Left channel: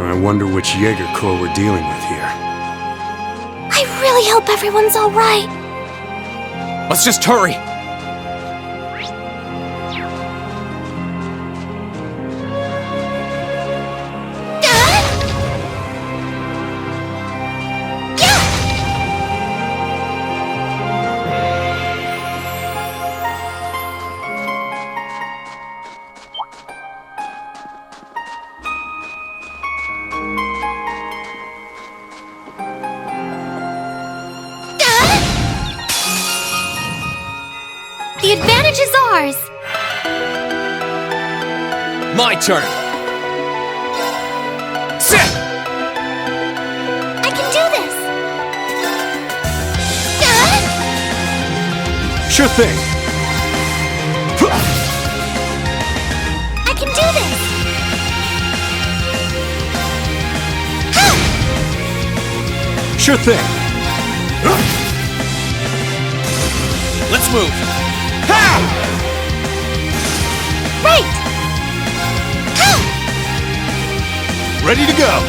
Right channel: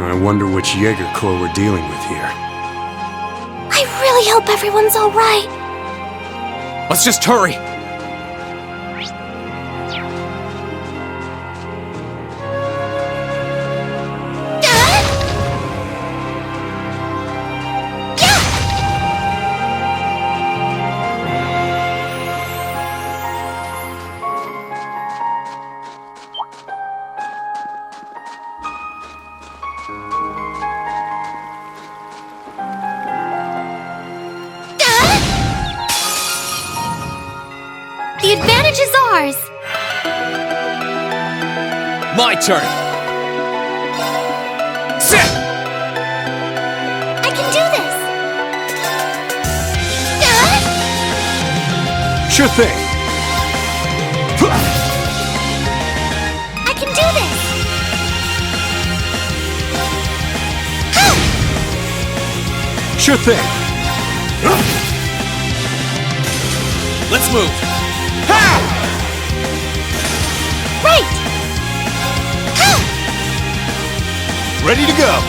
I wonder which Jaeger Corps we're dealing with here. I really hope everyone's all right. Let's just hurry! The advantage is ours! My turn! Sit! I can do this! Sure thing! I can do this! Sure thing! Let's move! Right! Ready to go!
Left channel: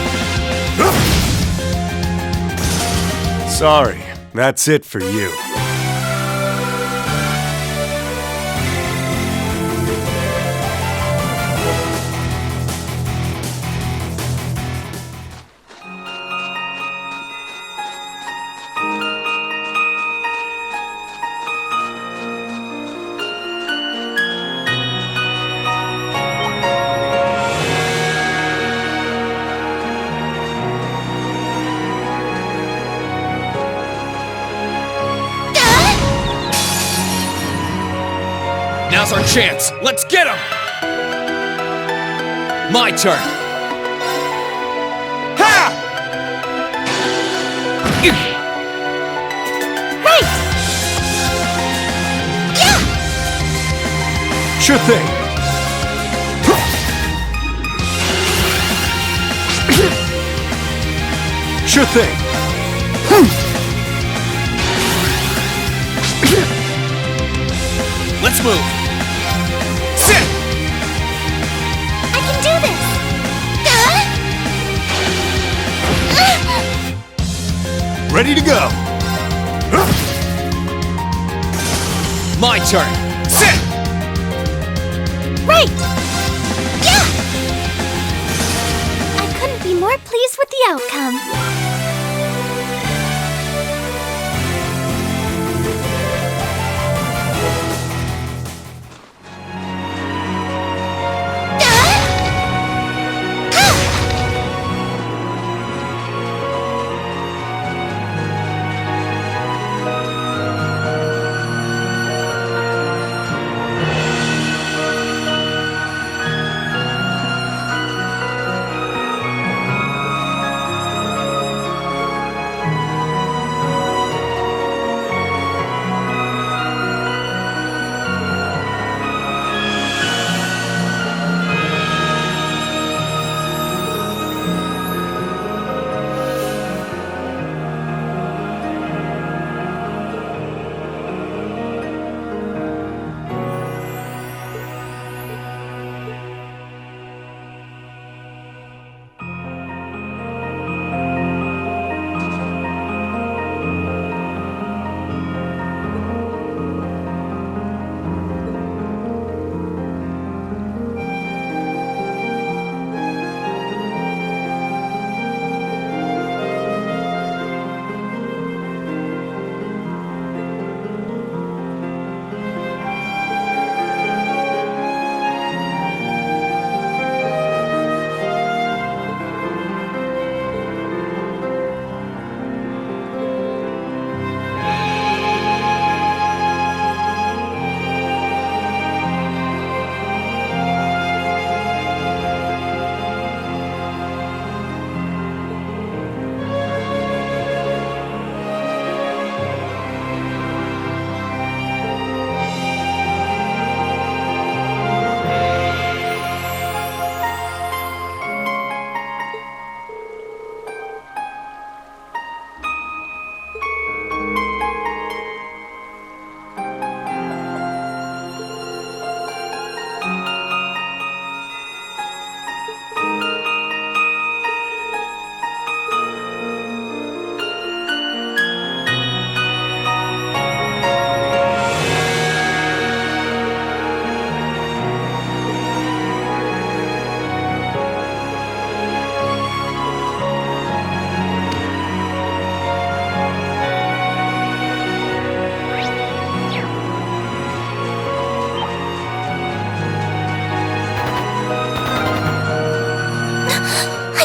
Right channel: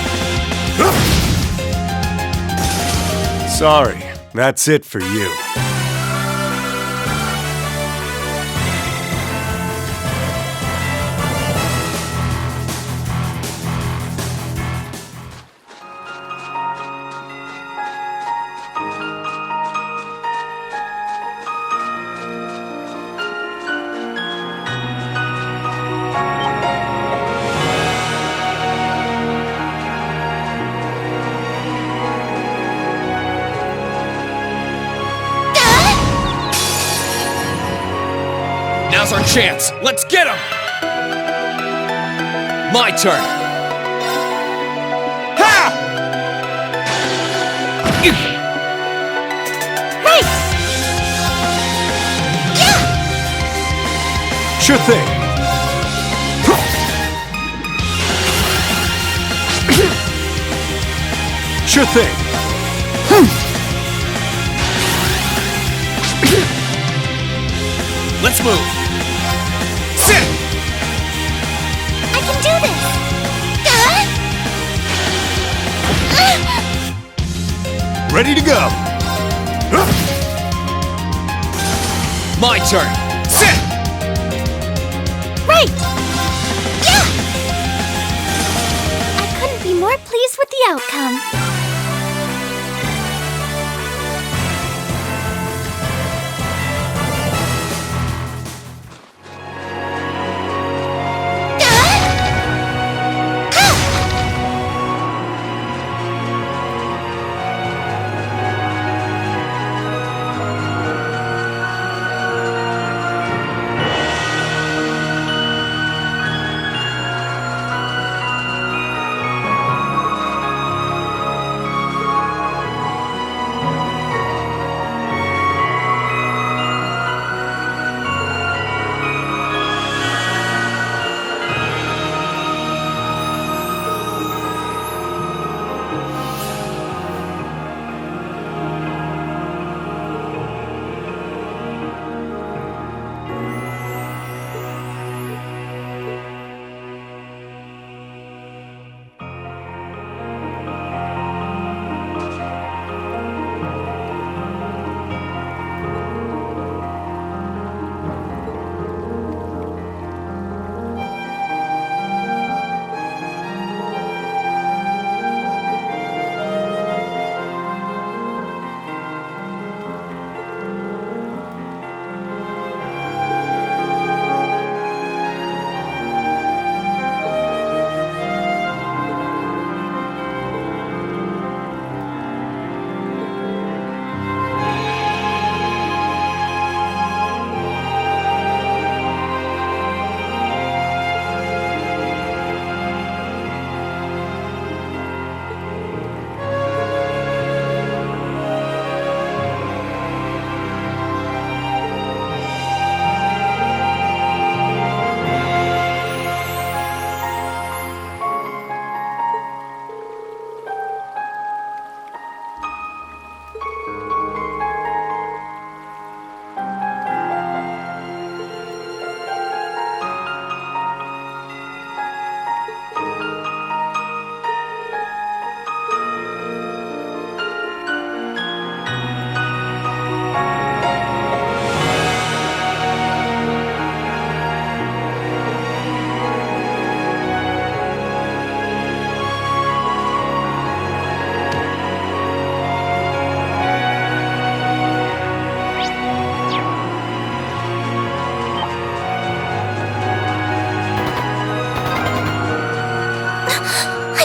Sorry, that's it for you. Now's our chance! Let's get him! My turn! Ha! Right! Yeah! Sure thing! Sure thing! Let's move! Sit! I can do this! Ready to go! My turn! Sit! Right! Yeah! I couldn't be more pleased with the outcome.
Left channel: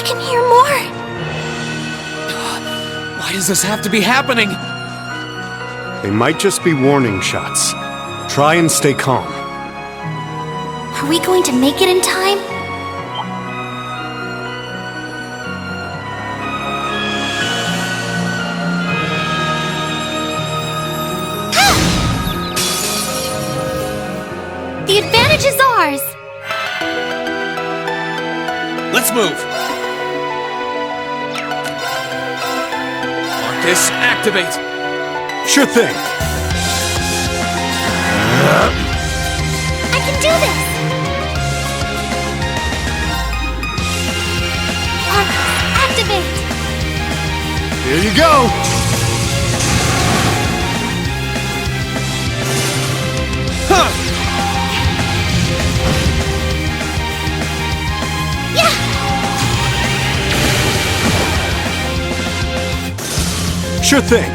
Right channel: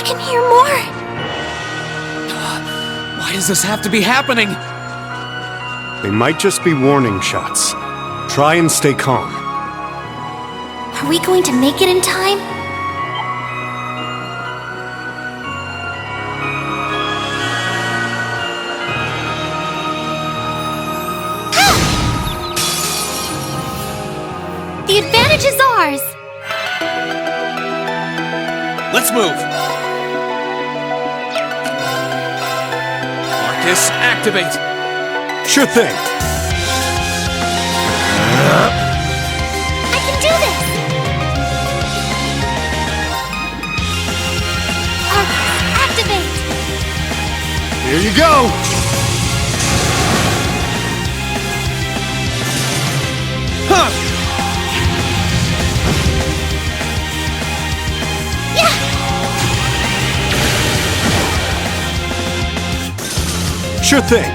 can hear more. Why does this have to be happening? They might just be warning shots. Try and stay calm. Are we going to make it in time? The advantage is ours! Let's move! Arcus, activate! Sure thing. I can do this! Arcus, activate! Here you go! Huh! Yeah! Sure thing.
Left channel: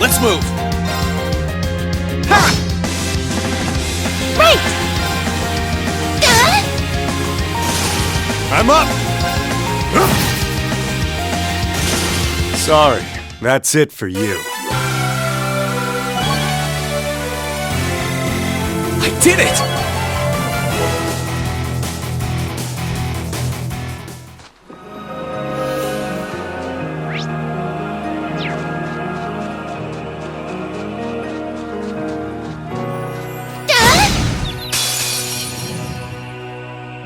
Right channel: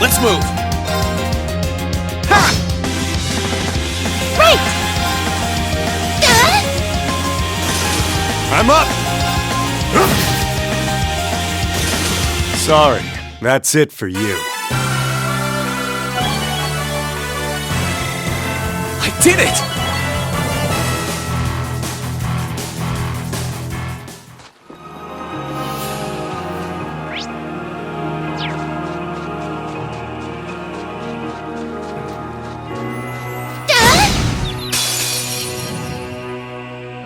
Let's move! Ha! Right! I'm up! Sorry, that's it for you. I did it!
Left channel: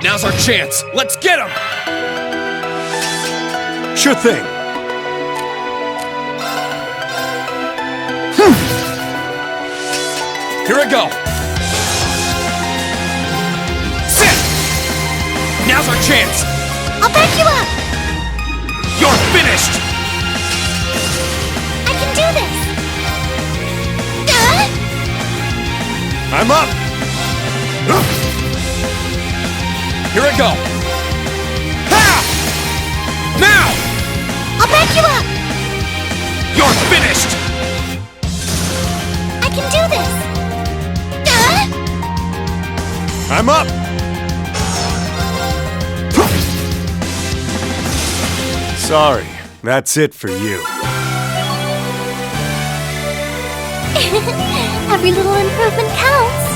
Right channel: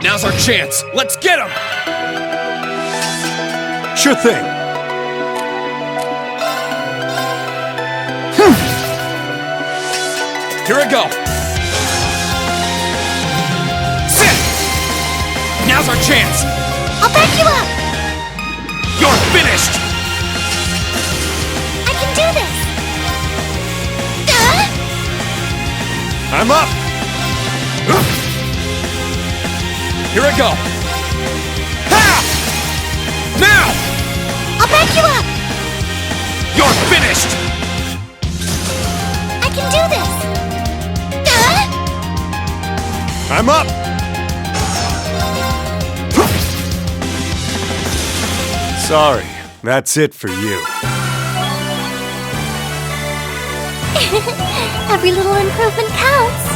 Now's our chance! Let's get him! Sure thing. Here I go! Sit! Now's our chance! I'll back you up! You're finished! I can do this! I'm up! Here I go! Ha! Now! I'll back you up! You're finished! I can do this! I'm up! Sorry, that's it for you. Every little improvement counts.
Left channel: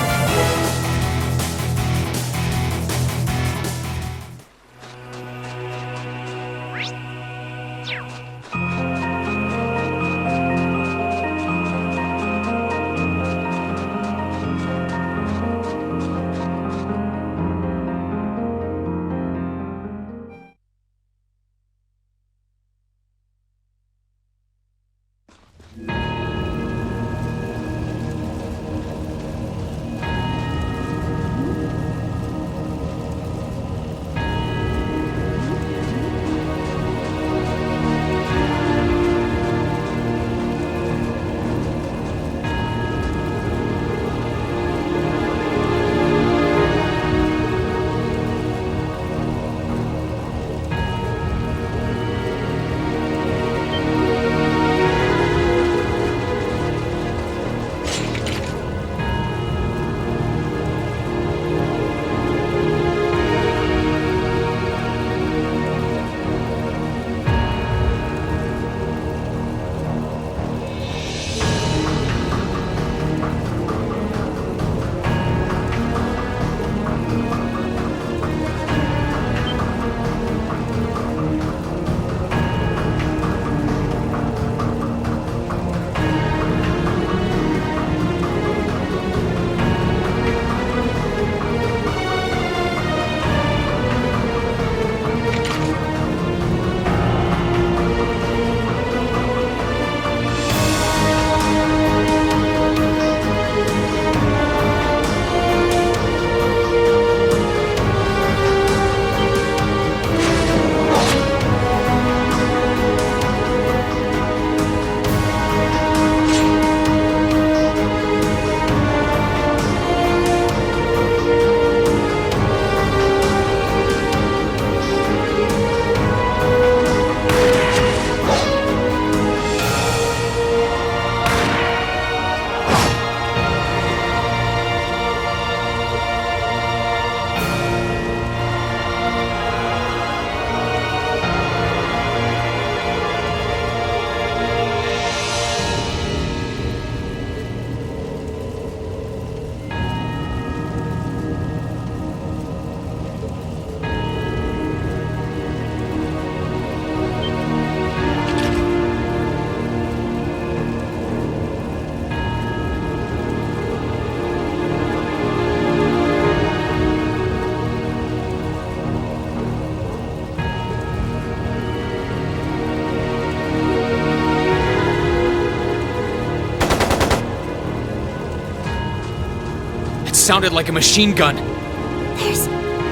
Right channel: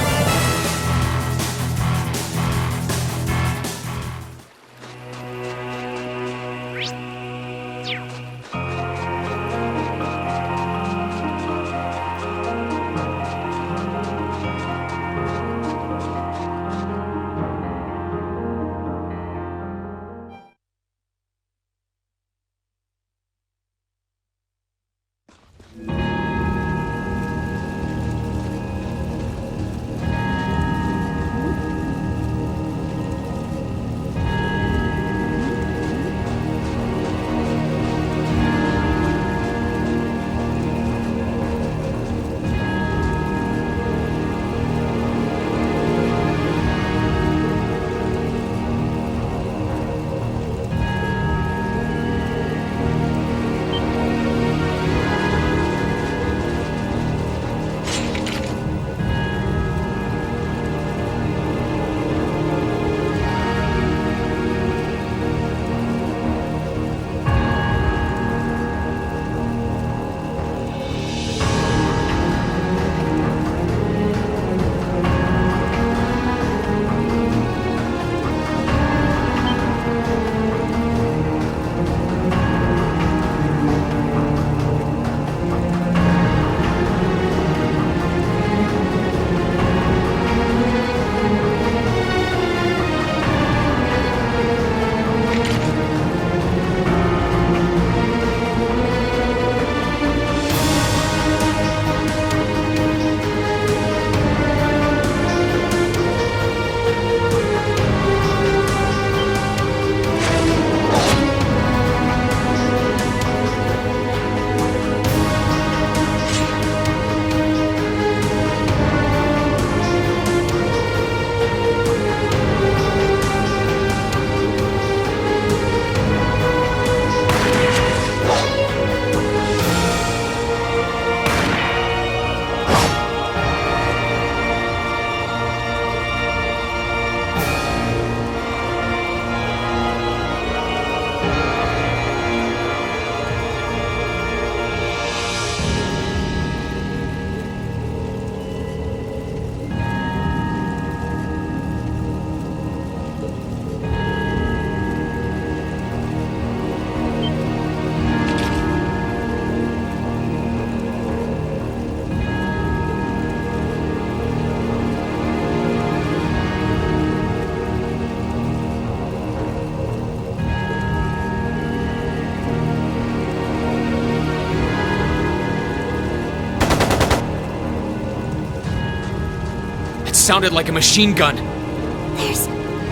sounded like a machine gun.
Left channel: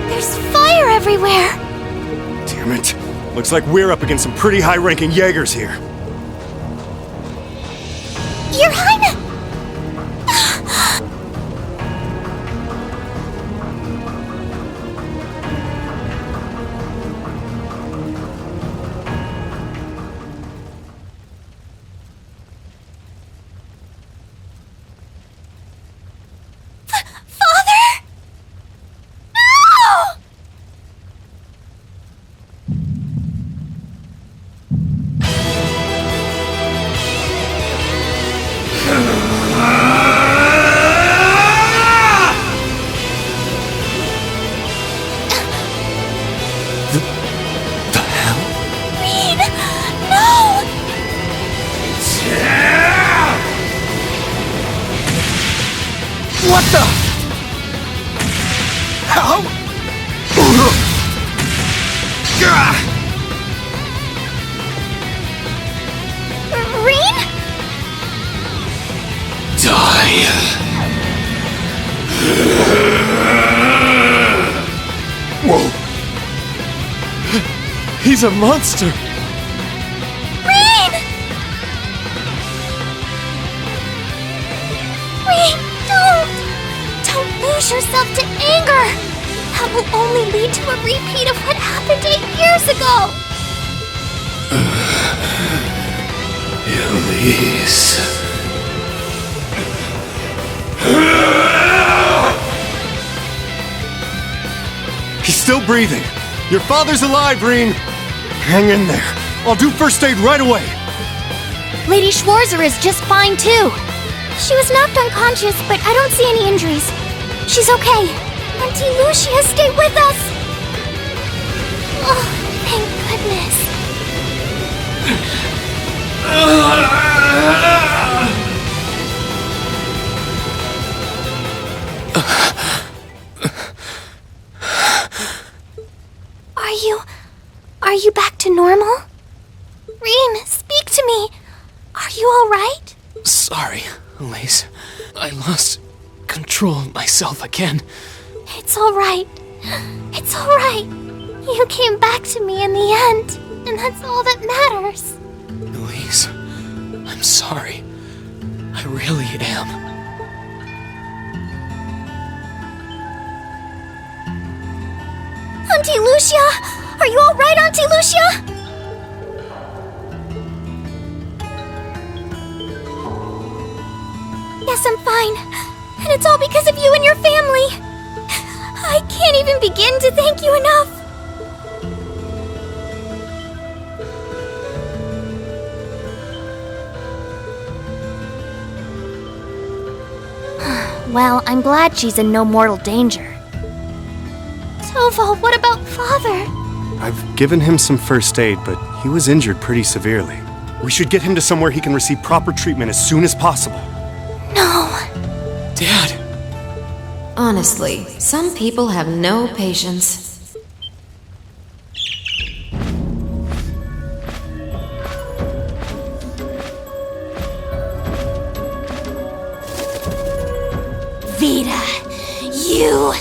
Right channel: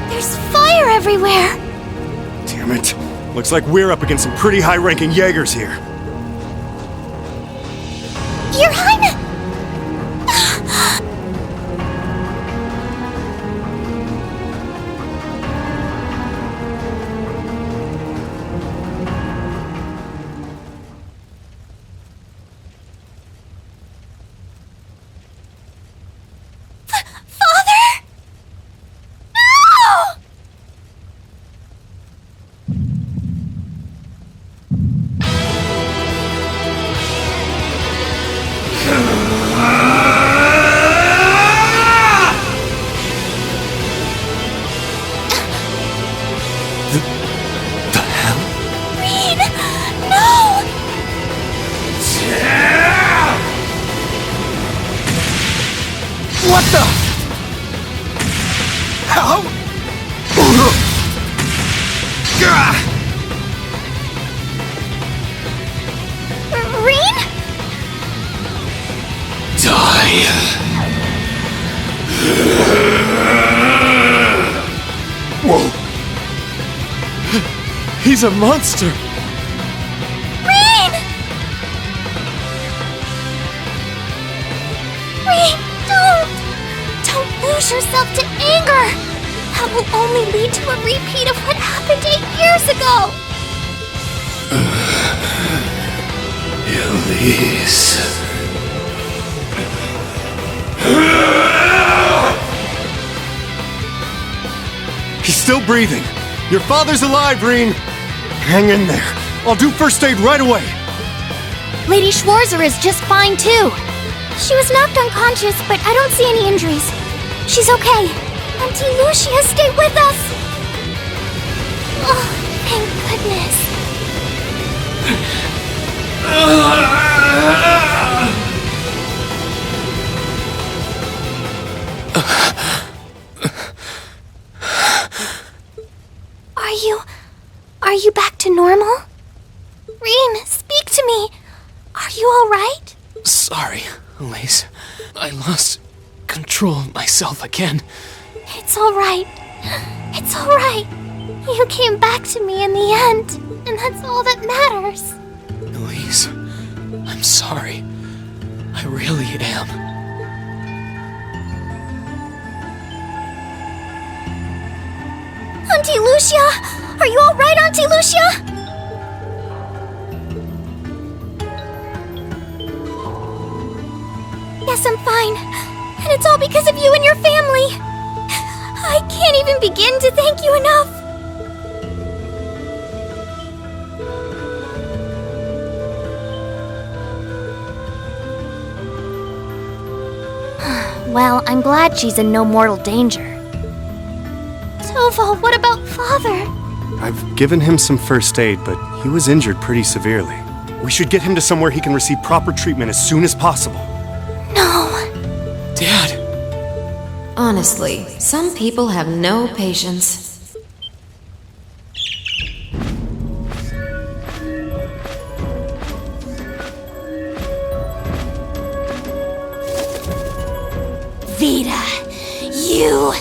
There's fire everywhere! Damn it. Looks like we're up against some pretty high-ranking Jaegers here. Your Highness! Father? No! The hell? Reed! No! What the? How? Reen? Die. Whoa. He's a monster. Reen! Reen, don't lose yourself to anger! That will only lead to a repeat of what happened 8 years ago! Elise. He's still breathing. Your father's alive, Reen. Hang in there. I'll do first aid right away. Lady Schwarzer is just fine, too. She was knocked unconscious, but I don't see any injuries. She's okay. Auntie Lucia, stay with us! Oh, thank goodness. Are you back to normal? Reen, speak to me. Are you alright? Sorry, Elise. I lost control of myself again. It's alright. It's alright. You came back to me in the end, and that's all that matters. Elise, I'm sorry. I really am. Auntie Lucia! Are you alright, Auntie Lucia? Yes, I'm fine. And it's all because of you and your family. I can't even begin to thank you enough. Well, I'm glad she's in no mortal danger. Tova, what about Father? I've given him some first aid, but he was injured pretty severely. We should get him to somewhere he can receive proper treatment as soon as possible. No. Dad! Honestly, some people have no patience. Vita, you...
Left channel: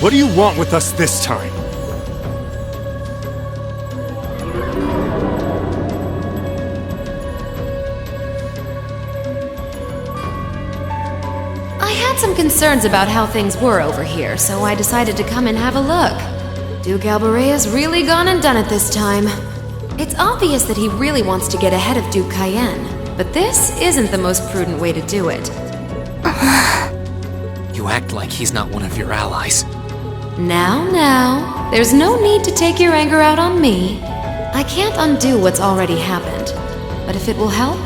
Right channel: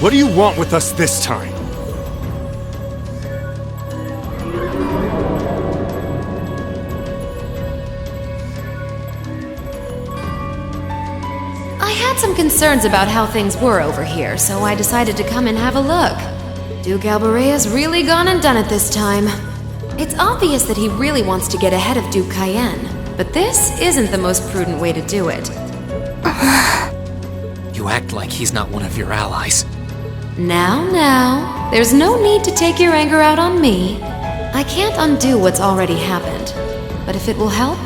What do you want with us this time? I had some concerns about how things were over here, so I decided to come and have a look. Duke Alborea's really gone and done it this time. It's obvious that he really wants to get ahead of Duke Cayenne, but this isn't the most prudent way to do it. You act like he's not one of your allies. Now, there's no need to take your anger out on me. I can't undo what's already happened, but if it will help,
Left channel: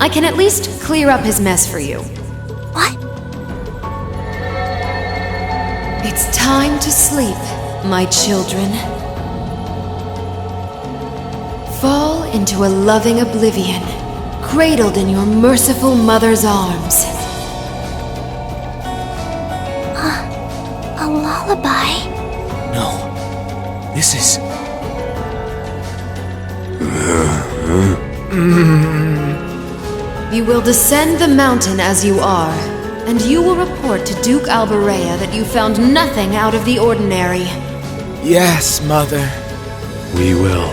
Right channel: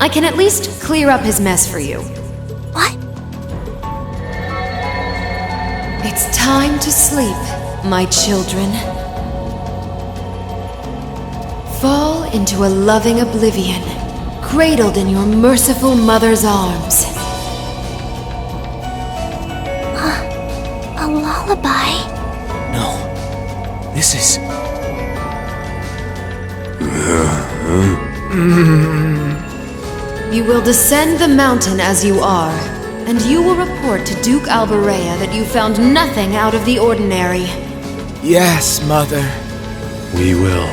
I can at least clear up his mess for you. What? It's time to sleep, my children. Fall into a loving oblivion, cradled in your merciful mother's arms. A lullaby? No. This is... You will descend the mountain as you are, and you will report to Duke Alberea that you found nothing out of the ordinary. Yes, Mother. We will.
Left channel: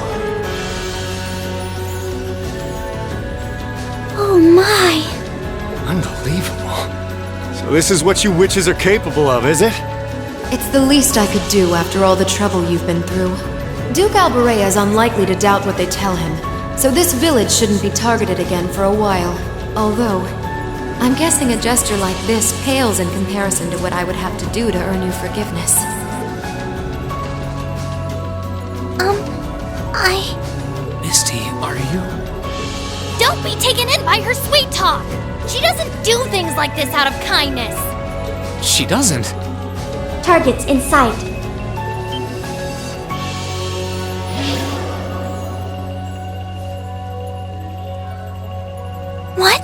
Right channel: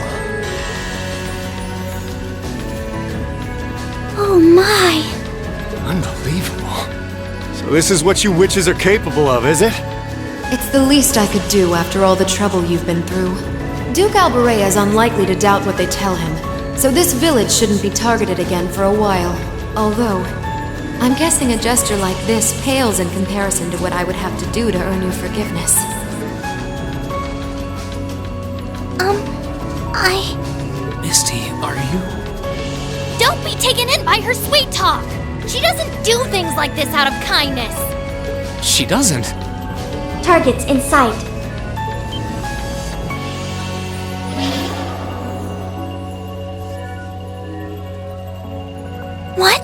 Oh my. Unbelievable. So this is what you witches are capable of, is it? It's the least I could do after all the trouble you've been through. Duke Alberea is unlikely to doubt what they tell him, so this village shouldn't be targeted again for a while. Although, I'm guessing a gesture like this pales in comparison to what I would have to do to earn your forgiveness. Misty, are you? Don't be taken in by her sweet talk! She doesn't do things like this out of kindness! She doesn't. Targets in sight. What?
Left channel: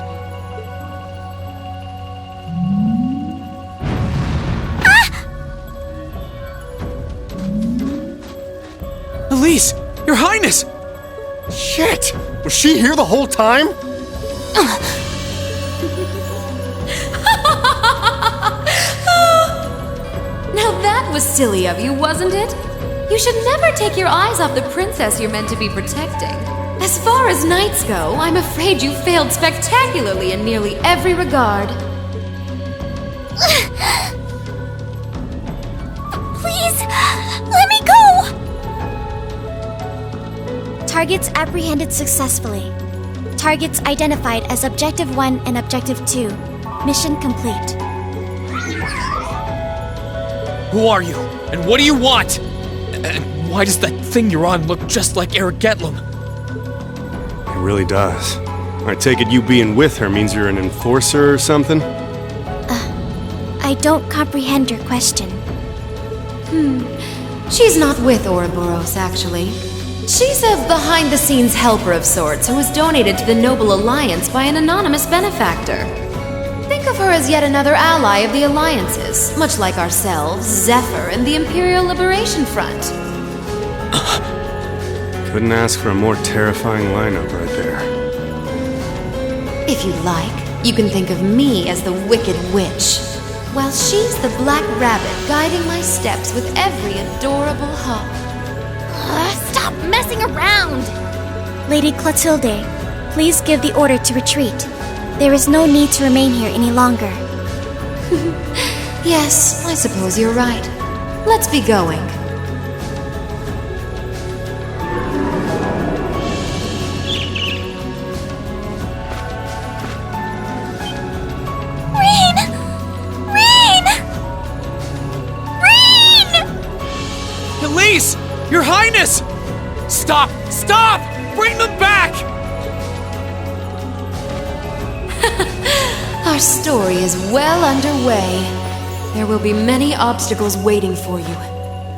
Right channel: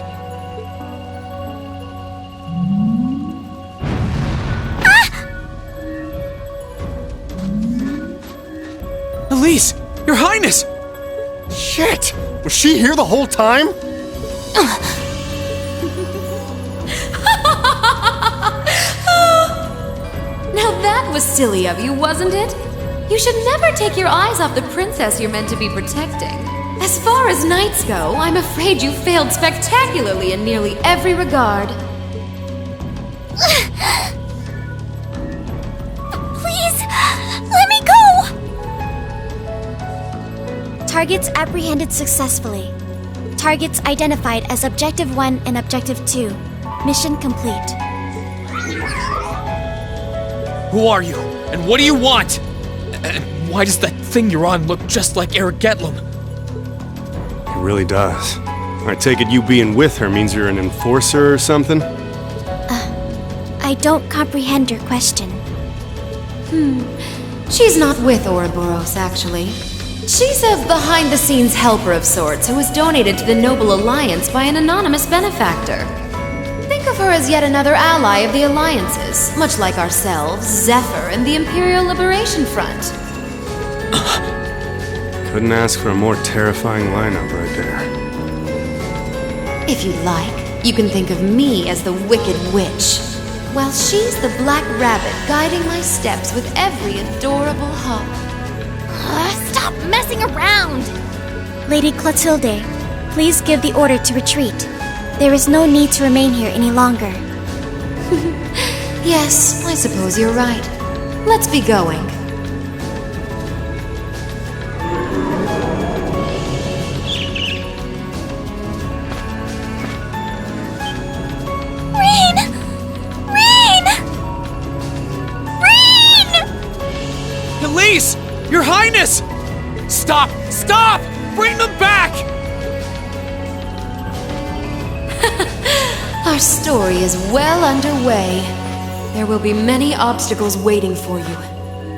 Elise! Your Highness! Shit! Was she here the whole time? Now that was silly of you, wasn't it? You should never take your eyes off the princess you're meant to be protecting. As far as knights go, I'm afraid you failed spectacularly in nearly every regard. Please, let me go! Targets apprehended successfully. Targets identified as Objective 1 and Objective 2. Mission complete. Who are you? And what do you want? And why does that thing you're on look just like Eric Getlum? It really does. I take it you being with her means you're an enforcer or something? I don't comprehend your question. She's not with Ouroboros, actually. She's a behind-the-scenes helper of sorts who was donated to the Noble Alliance by an anonymous benefactor. Think of her as yet another ally of the Alliances, much like ourselves, Zephyr, and the Imperial Liberation Front. Couldn't ask for a more terrifying lineup right there. If you like, you can think of me as the Wicked Witch, while she's the Black Rabbit guiding my steps with every adorable hop. Stop messing around! Lady Clotilde, please give the order to retreat. There is no need to remain here any longer. Yes, I suppose you're right. Let's be going. Elise! Your Highness! Stop! Stop! Bring them back! Our story is well underway. There will be many obstacles waiting for you,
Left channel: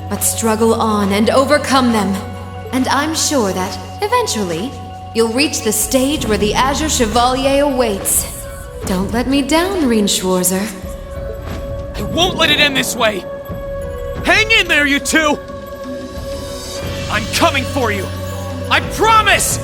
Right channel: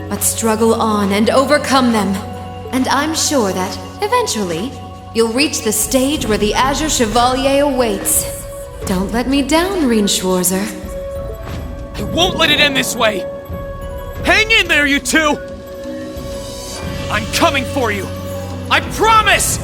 but struggle on and overcome them. And I'm sure that, eventually, you'll reach the stage where the Azure Chevalier awaits. Don't let me down, Reen Schwarzer. I won't let it end this way! Hang in there, you two! I'm coming for you! I promise!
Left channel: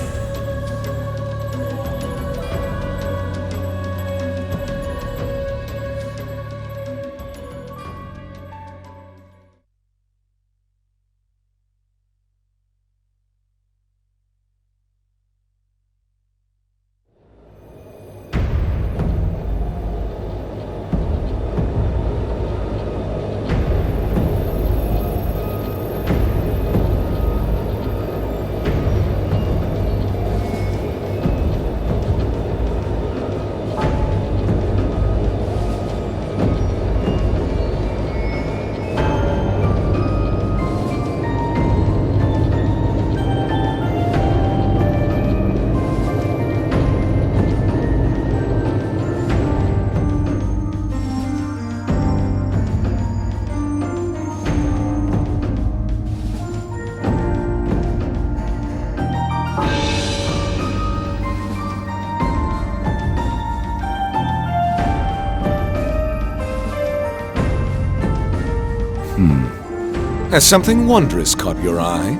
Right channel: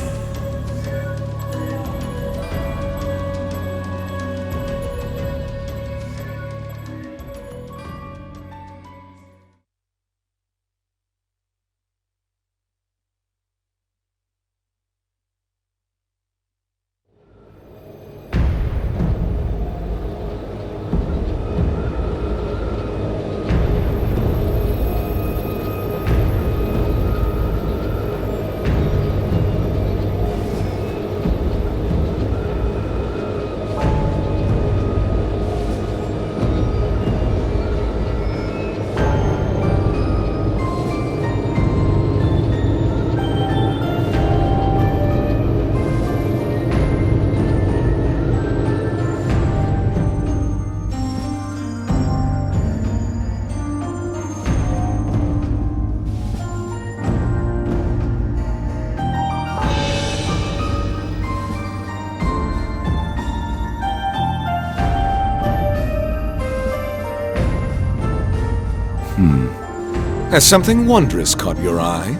Has something wondrous caught your eye?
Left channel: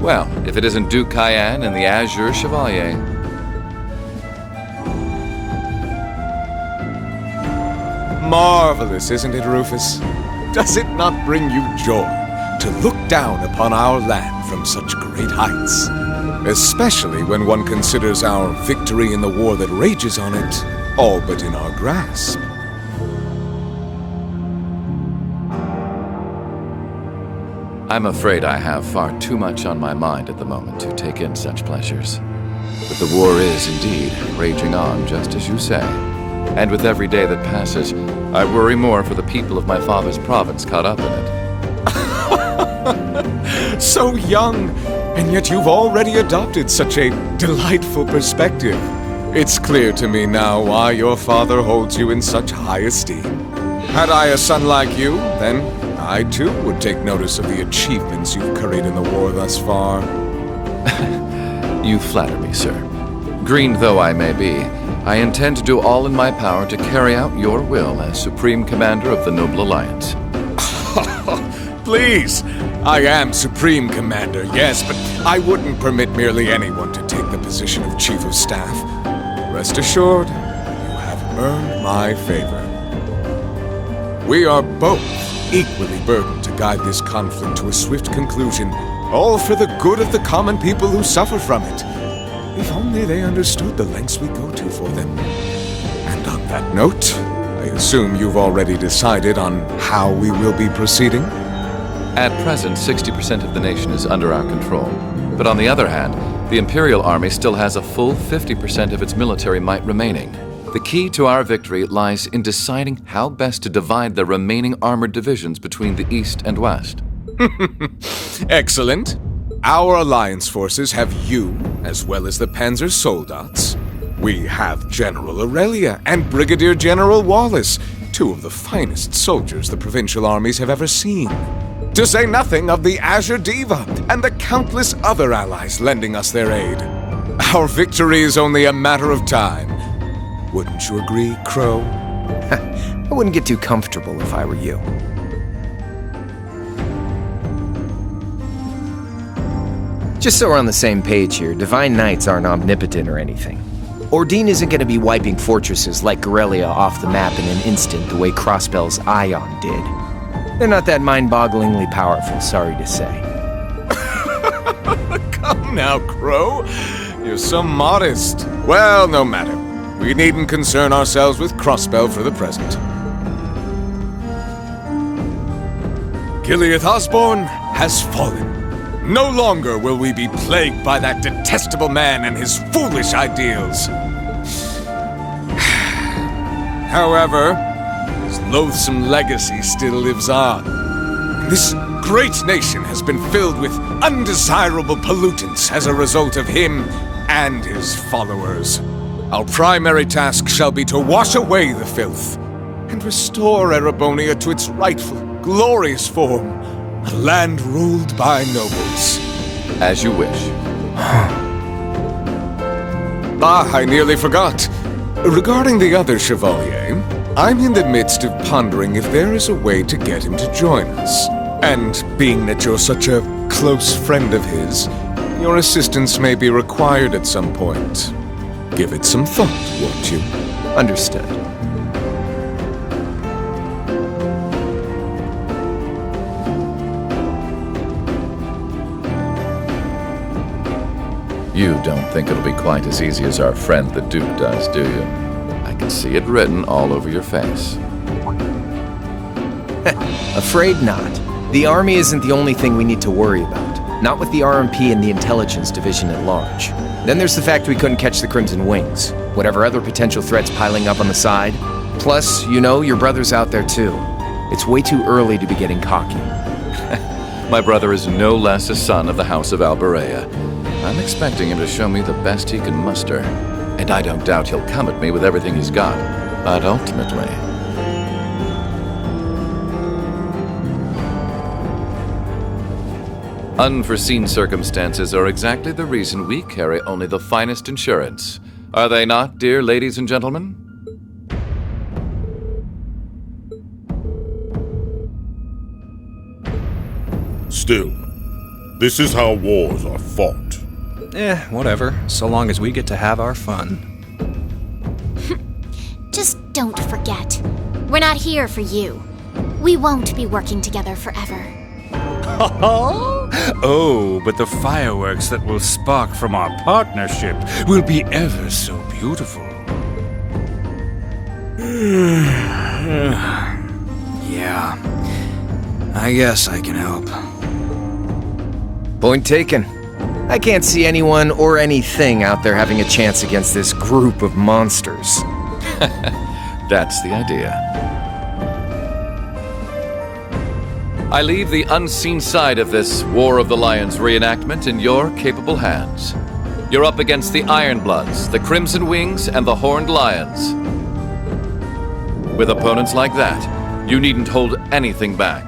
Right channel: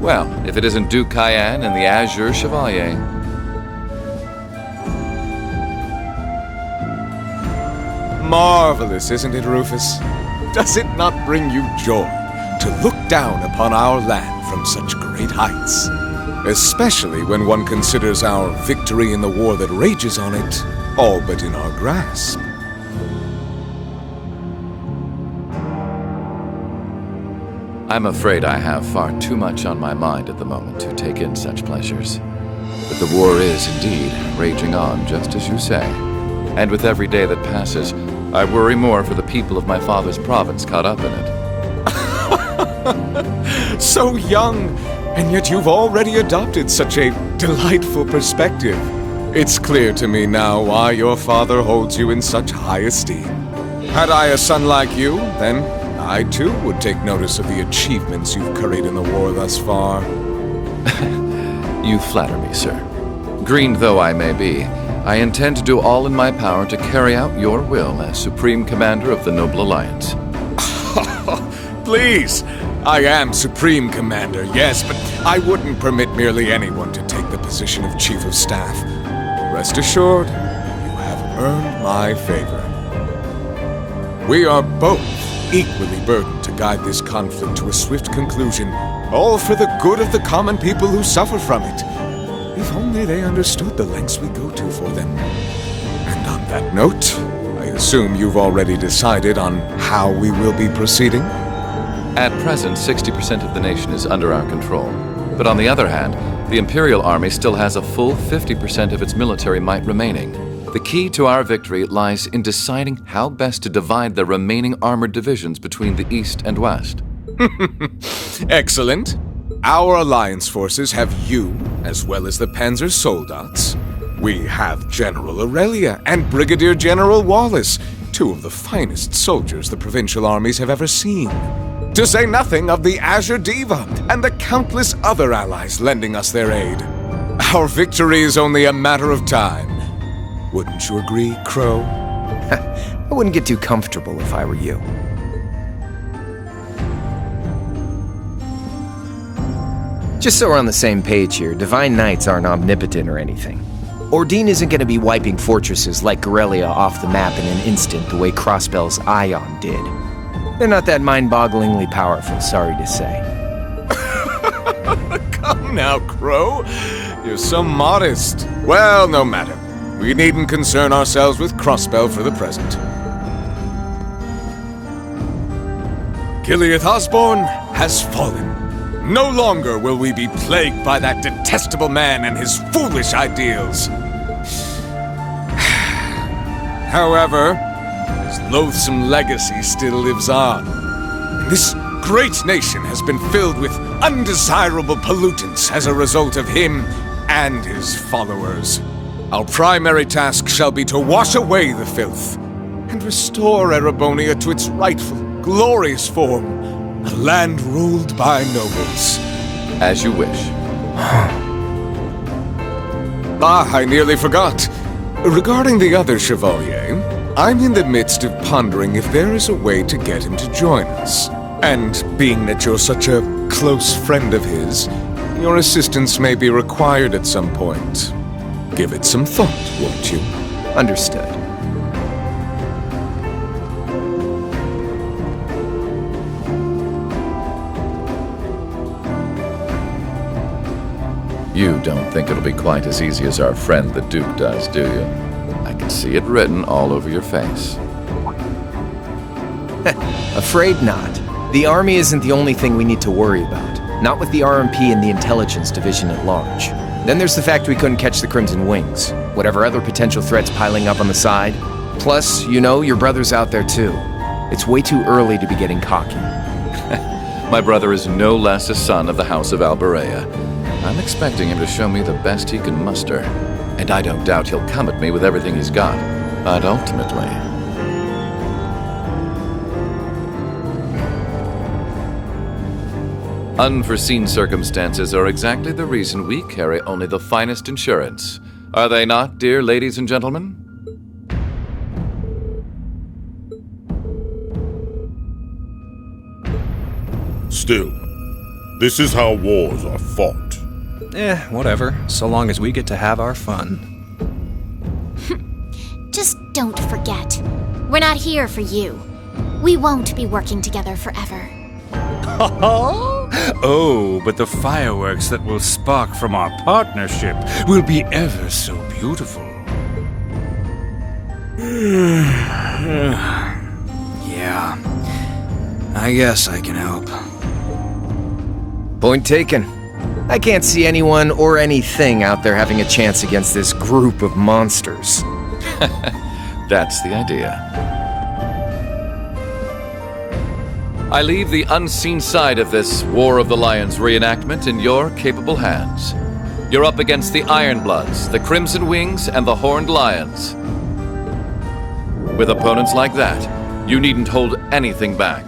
Well, if it isn't Duke Cayenne and the Azure Chevalier. Marvelous, isn't it, Rufus? Does it not bring you joy to look down upon our land from such great heights? Especially when one considers our victory in the war that rages on it all but in our grasp. I'm afraid I have far too much on my mind at the moment to take in such pleasures. But the war is, indeed, raging on, just as you say. And with every day that passes, I worry more for the people of my father's province caught up in it. So young, and yet you've already adopted such a delightful perspective. It's clear to me now why your father holds you in such high esteem. Had I a son like you, then I too would take notice of the achievements you've curried in the war thus far. You flatter me, sir. Green though I may be, I intend to do all in my power to carry out your will as Supreme Commander of the Noble Alliance. Please! I am Supreme Commander, yes, but I wouldn't permit merely anyone to take the position of Chief of Staff. Rest assured, you have earned my favor. We are both equally burdened to guide this conflict to a swift conclusion, all for the good of the common people who suffer from it. If only they understood the lengths we go to for them. And on that note, I assume you've already decided on how we will be proceeding? At present, 60% of the nation is under our control. But on the other hand, the Imperial Army still has a full 50% of its military might remaining. The key to our victory lies in deciding how best to divide the remaining armored divisions between the East and West. Excellent. Our alliance forces have you, as well as the Panzer Soldats. We have General Aurelia and Brigadier General Wallace, two of the finest soldiers the provincial armies have ever seen. To say nothing of the Azure Diva and the countless other allies lending us their aid. Our victory is only a matter of time. Wouldn't you agree, Crow? I wouldn't get too comfortable if I were you. Just so we're on the same page here, Divine Knights aren't omnipotent or anything. Ordine isn't going to be wiping fortresses like Corellia off the map in an instant the way Crossbell's Ion did. They're not that mind-bogglingly powerful, sorry to say. Come now, Crow. You're so modest. Well, no matter. We needn't concern ourselves with Crossbell for the present. Gilead Osborne has fallen. No longer will we be plagued by that detestable man and his foolish ideals. However, his loathsome legacy still lives on. This great nation has been filled with undesirable pollutants as a result of him and his followers. Our primary task shall be to wash away the filth and restore Erebonia to its rightful, glorious form. A land ruled by nobles. As you wish. I nearly forgot. Regarding the other Chevalier, I'm in the midst of pondering if there is a way to get him to join us. And being that you're such a close friend of his, your assistance may be required at some point. Give it some thought, won't you? Understood. You don't think it'll be quite as easy as our friend the Duke does, do you? I can see it written all over your face. Afraid not. The army isn't the only thing we need to worry about. Not with the RMP and the intelligence division at large. Then there's the fact we couldn't catch the Crimson Wings. Whatever other potential threats piling up on the side. Plus, you know, your brother's out there too. It's way too early to be getting cocky. My brother is no less a son of the House of Alberea. I'm expecting him to show me the best he can muster. And I don't doubt he'll come at me with everything he's got. But ultimately... unforeseen circumstances are exactly the reason we carry only the finest insurance. Are they not, dear ladies and gentlemen? Still, This is how wars are fought. Whatever, so long as we get to have our fun. Just don't forget. We're not here for you. We won't be working together forever. Oh, but the fireworks that will spark from our partnership will be ever so beautiful. Yeah, I guess I can help. Point taken. I can't see anyone or anything out there having a chance against this group of monsters. That's the idea. I leave the unseen side of this War of the Lions reenactment in your capable hands. You're up against the Ironbloods, the Crimson Wings, and the Horned Lions. With opponents like that, you needn't hold anything back.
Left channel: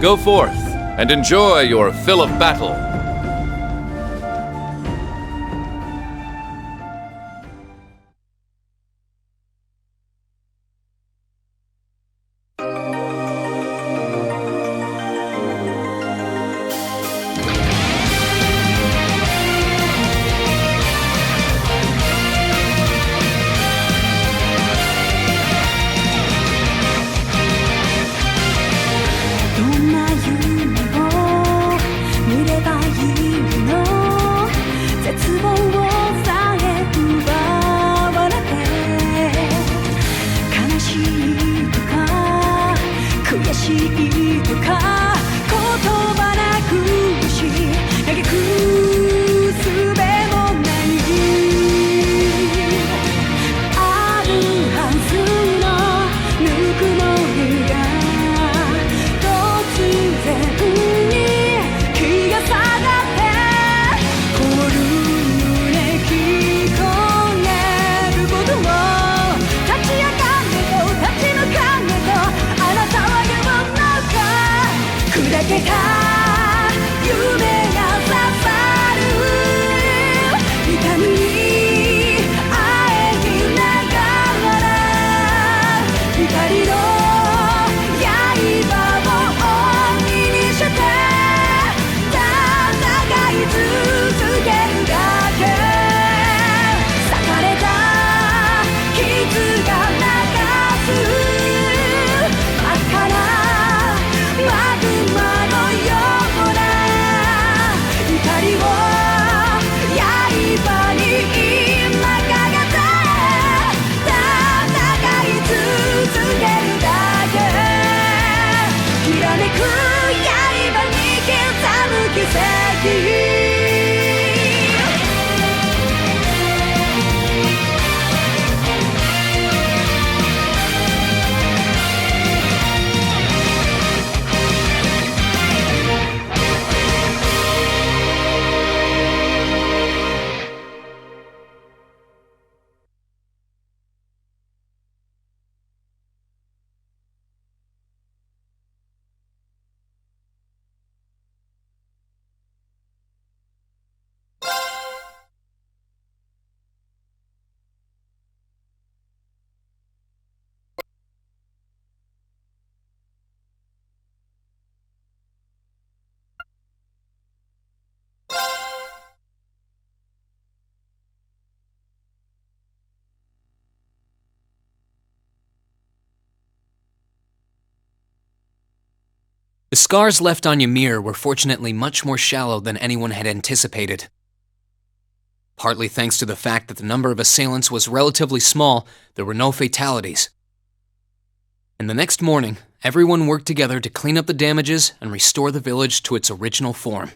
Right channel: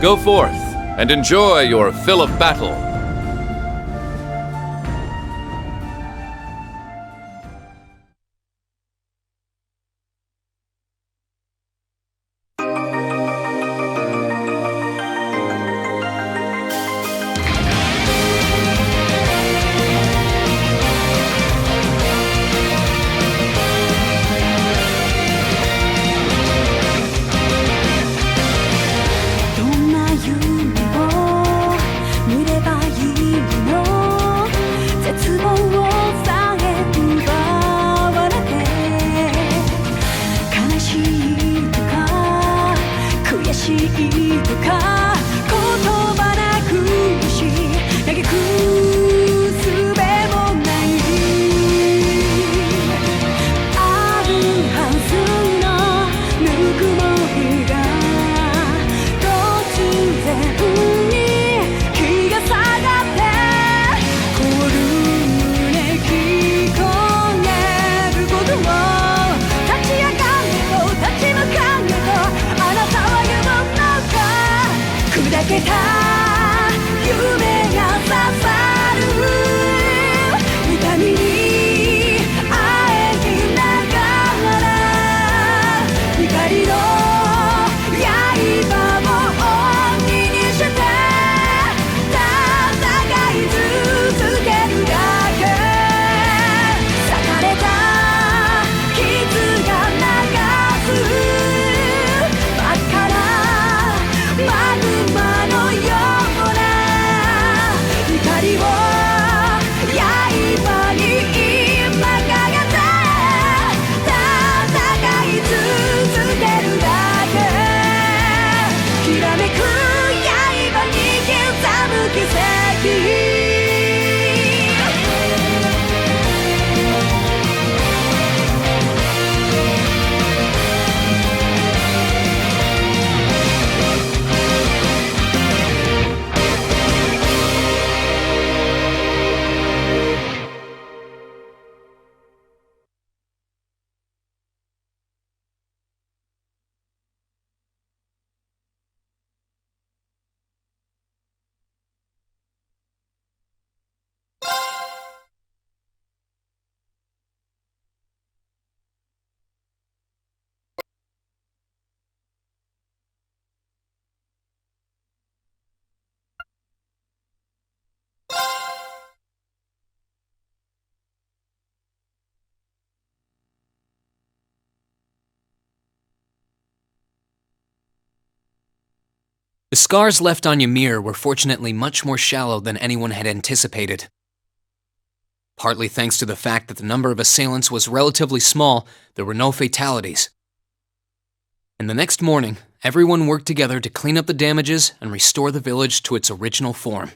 Go forth and enjoy your fill of battle. The scars left on Ymir were fortunately much more shallow than anyone had anticipated. Partly thanks to the fact that the number of assailants was relatively small, there were no fatalities. And the next morning, everyone worked together to clean up the damages and restore the village to its original form.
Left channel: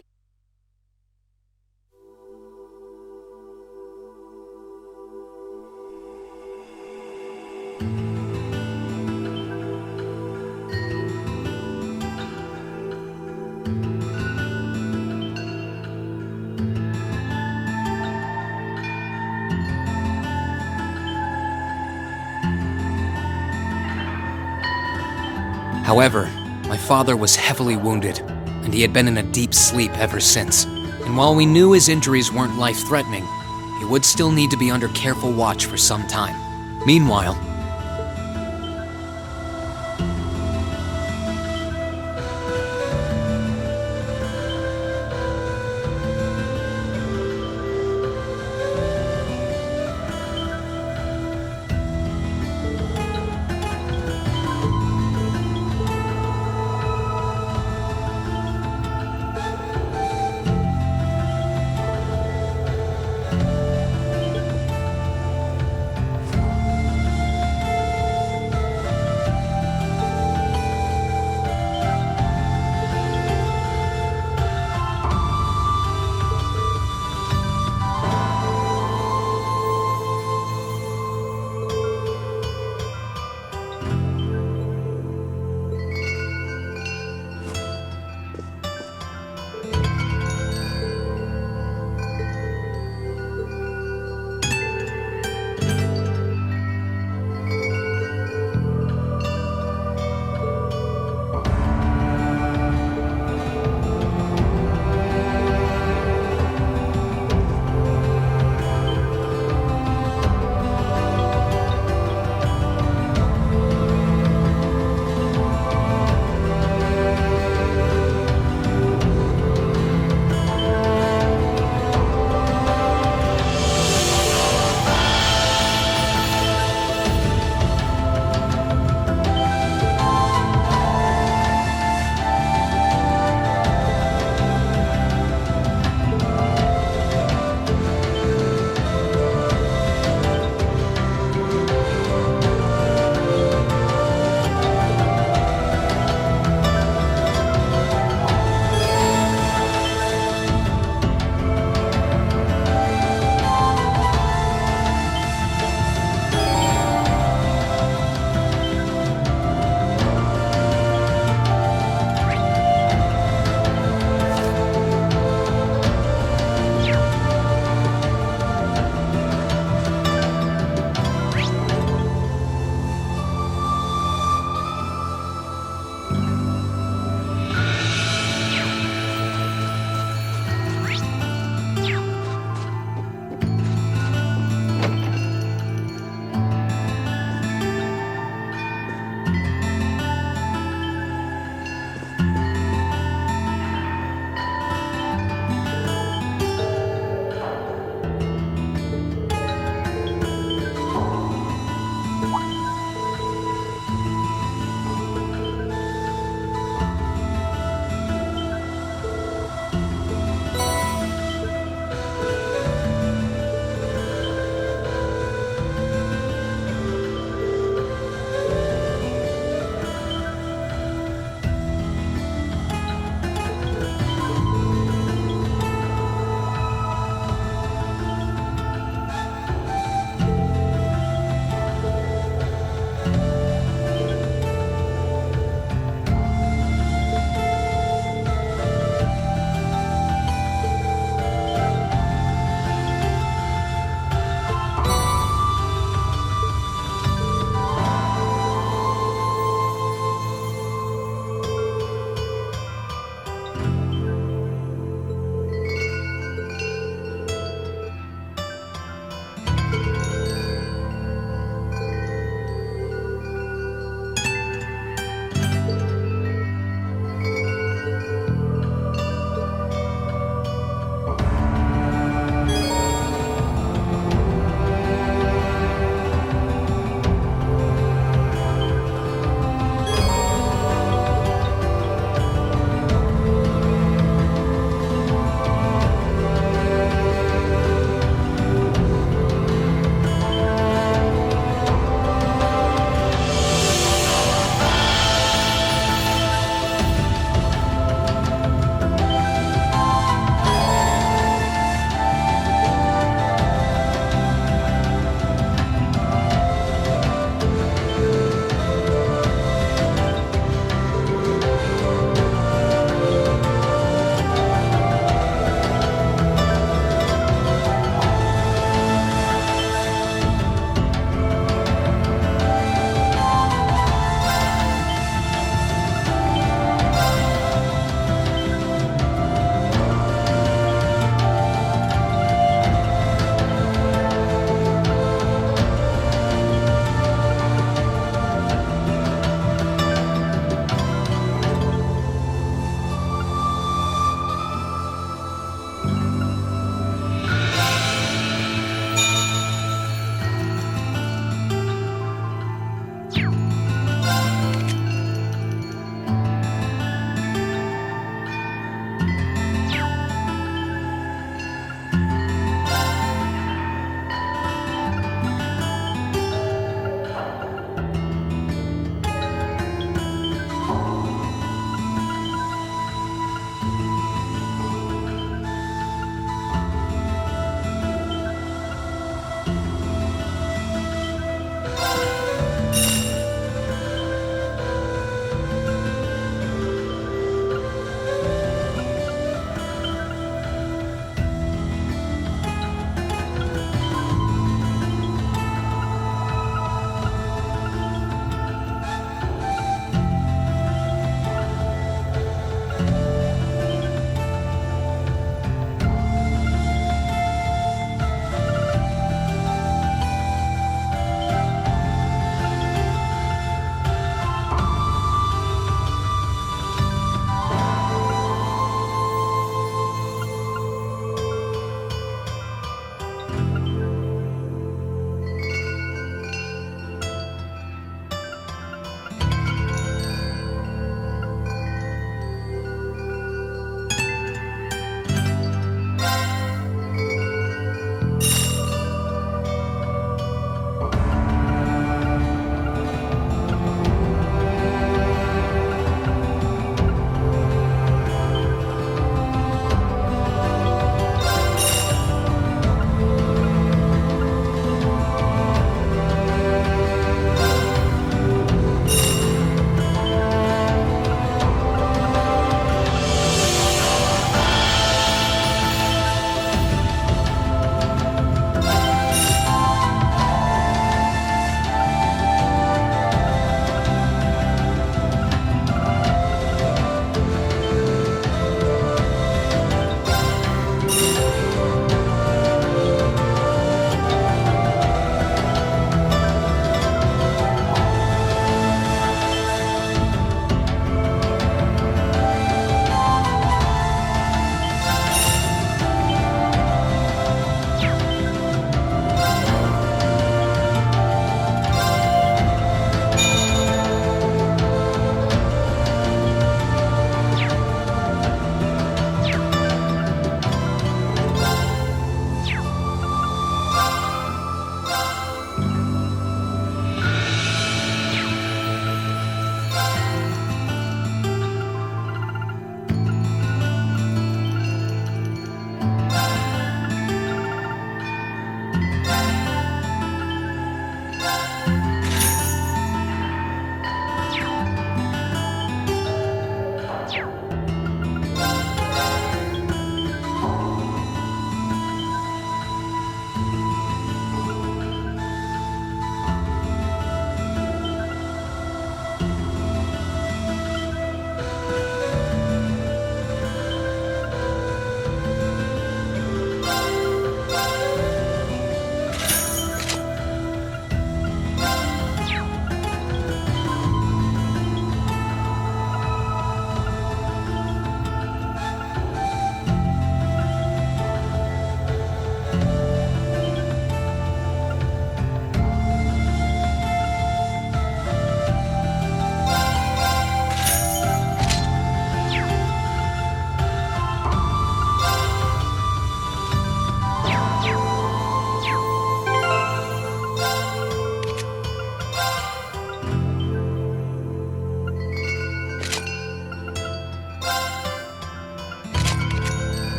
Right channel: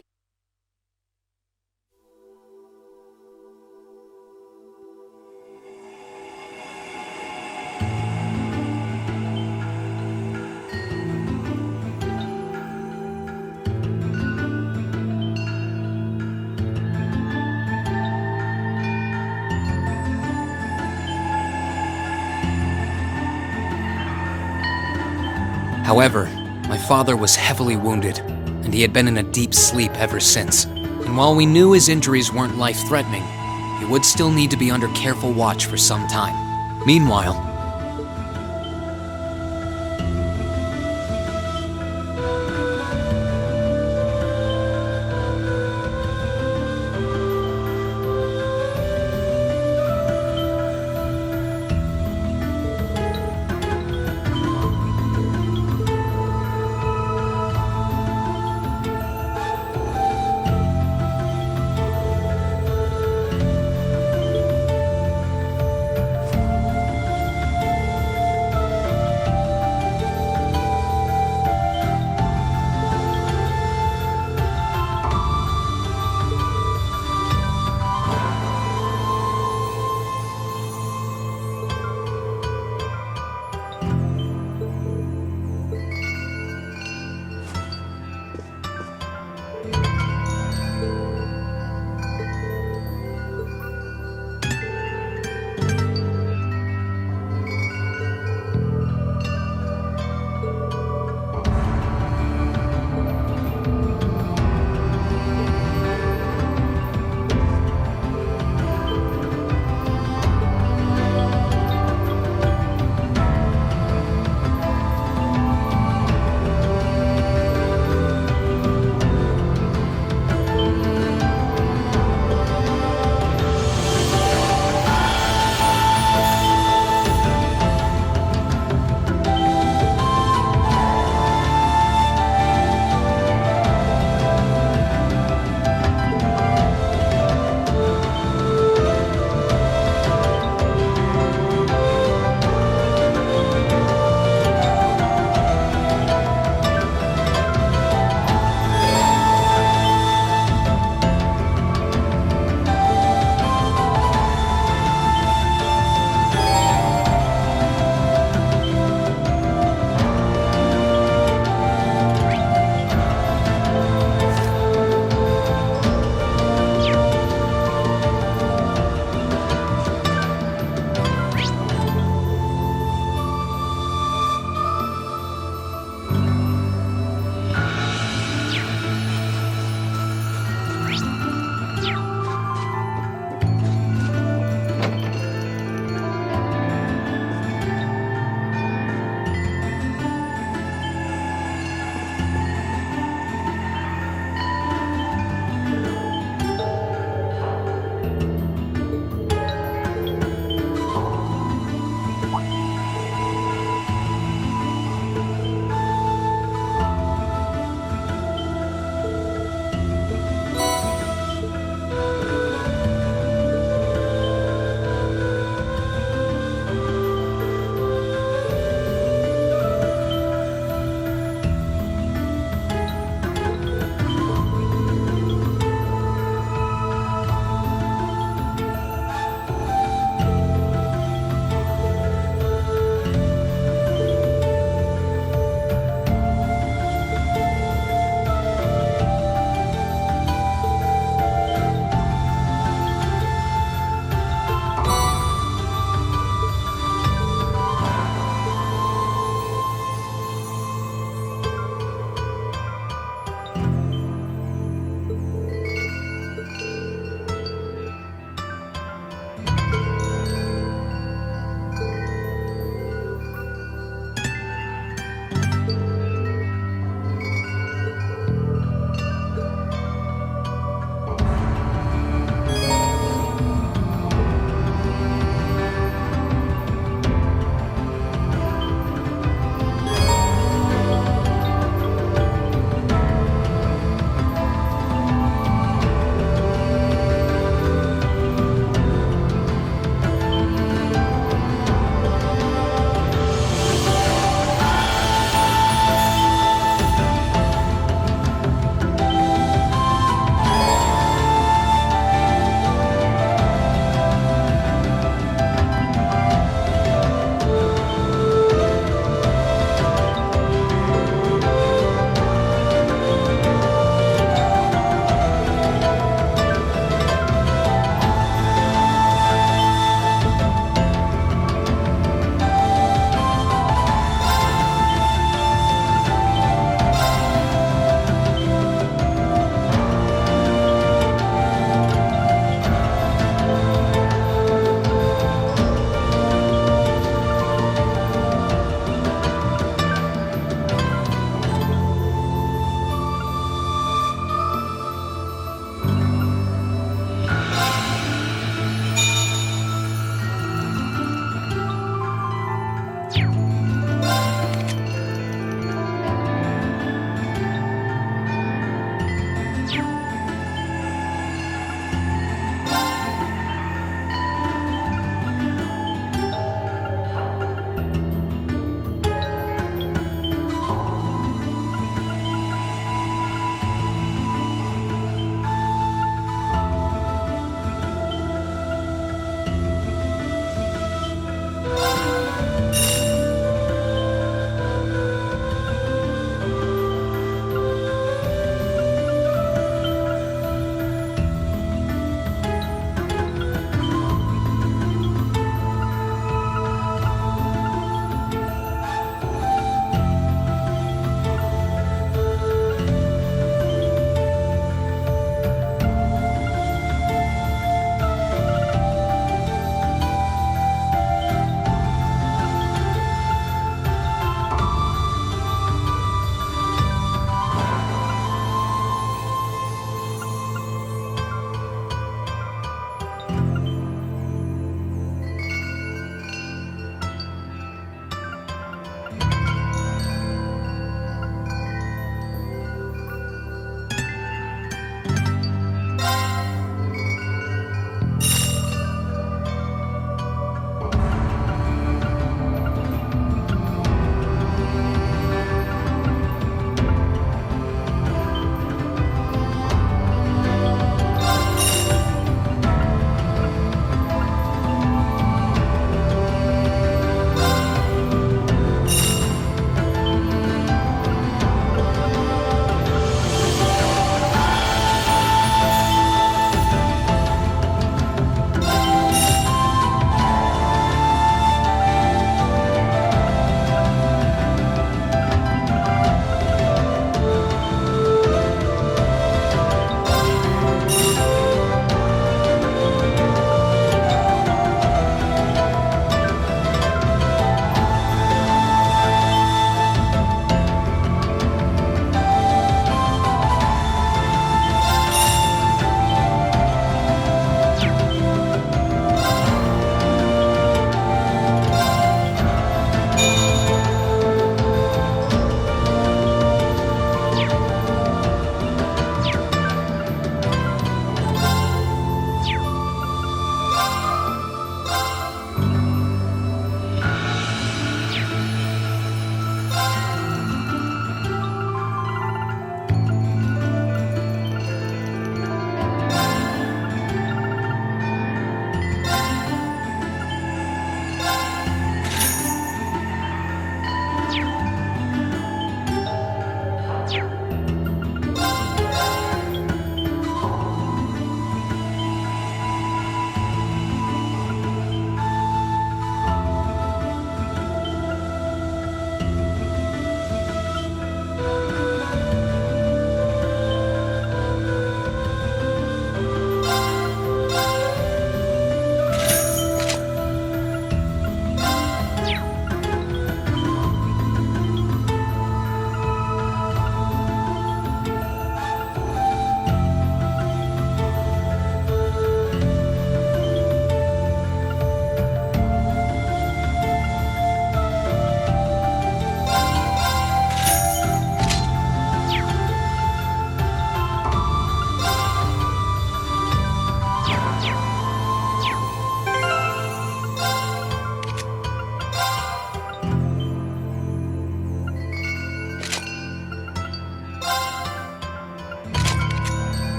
However, my father was heavily wounded, and he had been in a deep sleep ever since. And while we knew his injuries weren't life-threatening, he would still need to be under careful watch for some time. Meanwhile,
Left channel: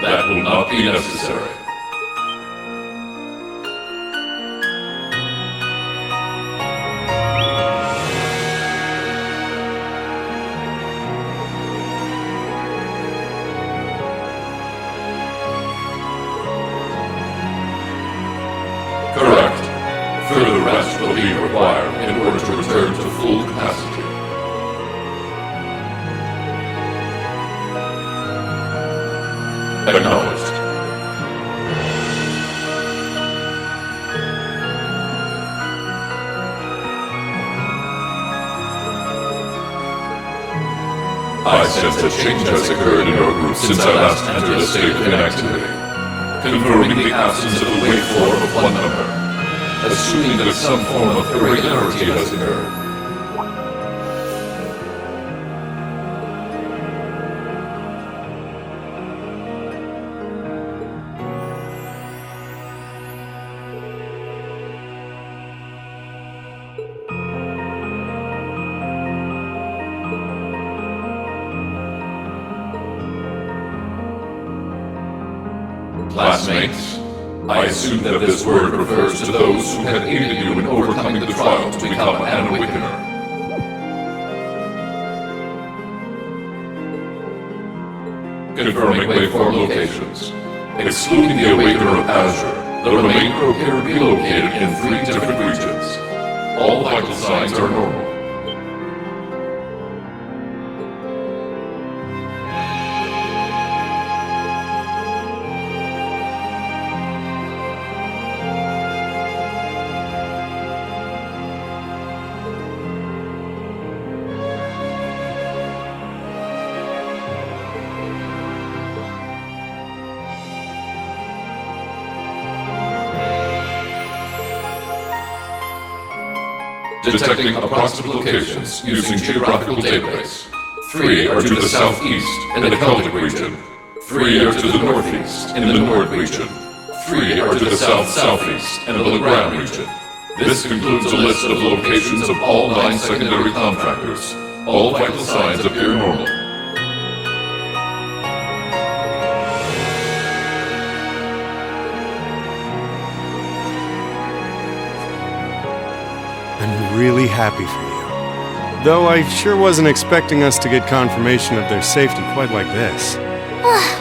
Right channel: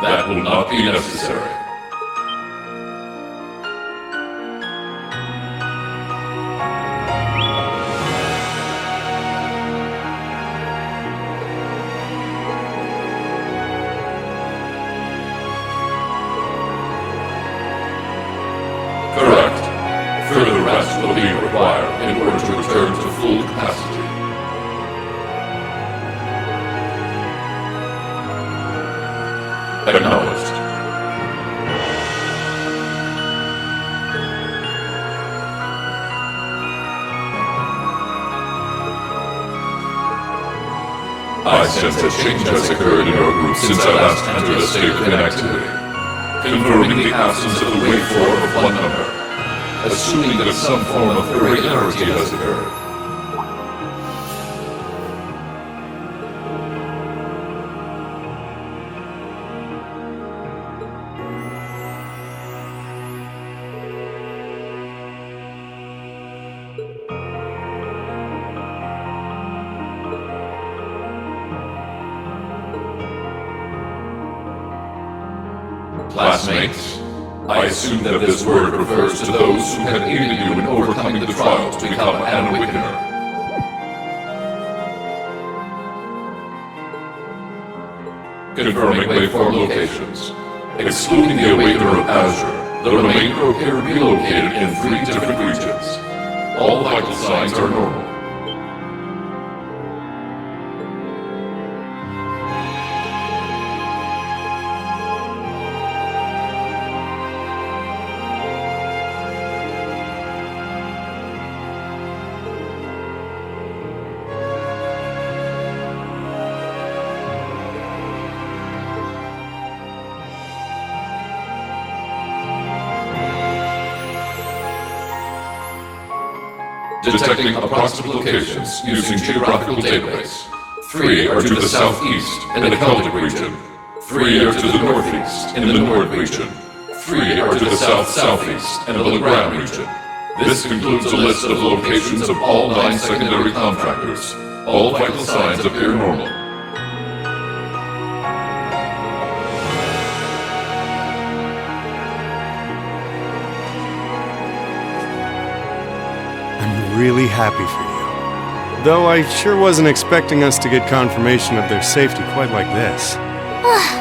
That will not be necessary. Correct. Further rest will be required in order to return to full capacity. Acknowledged. I sense a change has occurred in your group since I last entered a state of inactivity, confirming the absence of the waveform of one number, assuming that some form of irregularity has occurred. Classmates, I assume that this word refers to those who have aided you in overcoming the trial to become an Awakener. Confirming waveform locations. Excluding the Awakener of Azure, the remainder appear to be located in 3 different regions. All vital signs are normal. Detecting approximate locations using geographical database. 3 are to the southeast in the Celtic region. 3 are to the northeast in the Nord region. 3 are to the south-southeast in the Legrand region. This concludes a list of locations of all 9 secondary contractors. All vital signs appear normal. I'm really happy for you. Though I sure wasn't expecting us to get confirmation of their safety quite like this.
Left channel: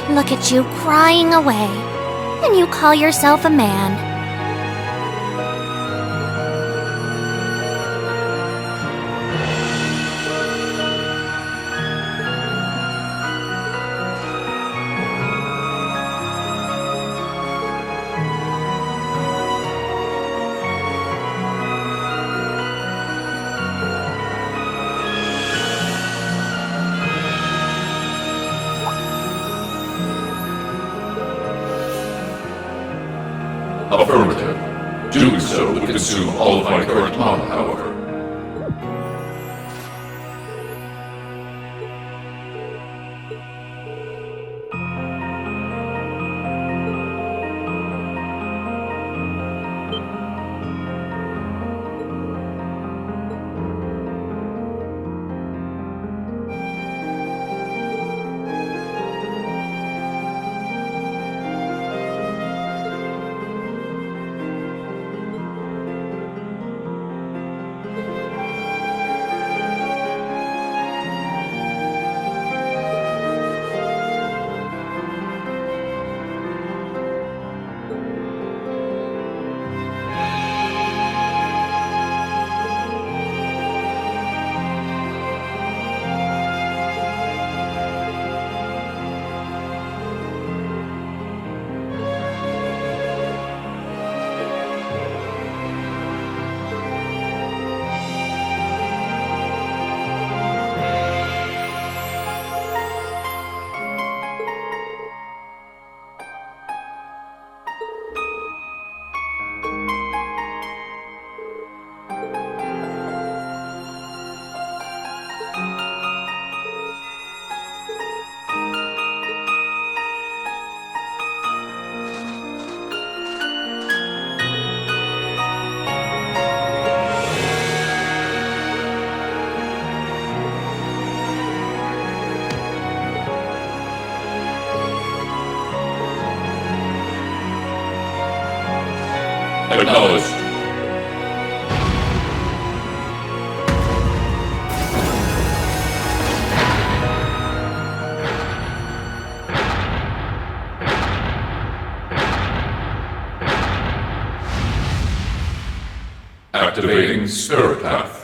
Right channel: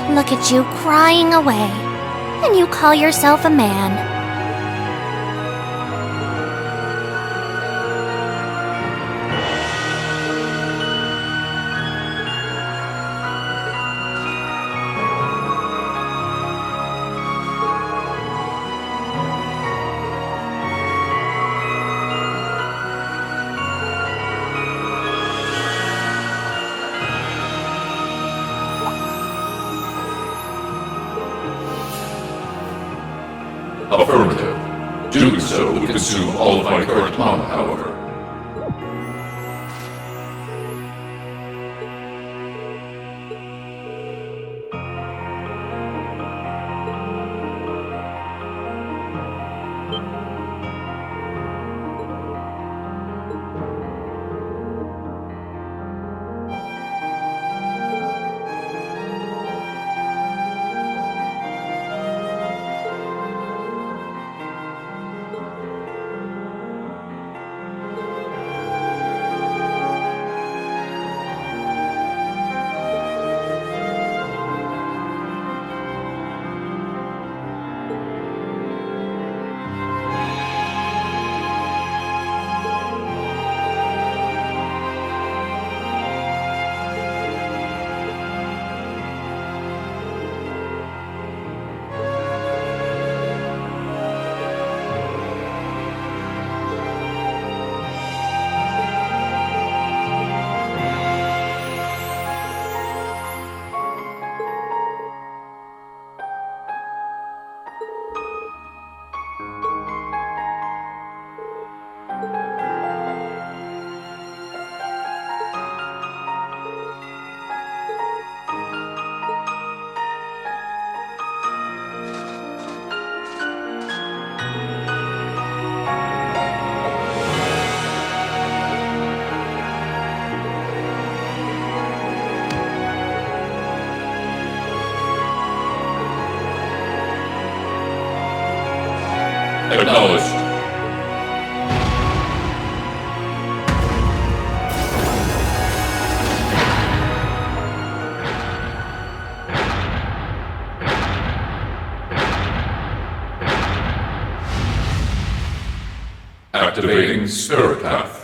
Look at you crying away. And you call yourself a man. Affirmative. Doing so would consume all of my current mana, however. Acknowledged. Activating Spirit Path.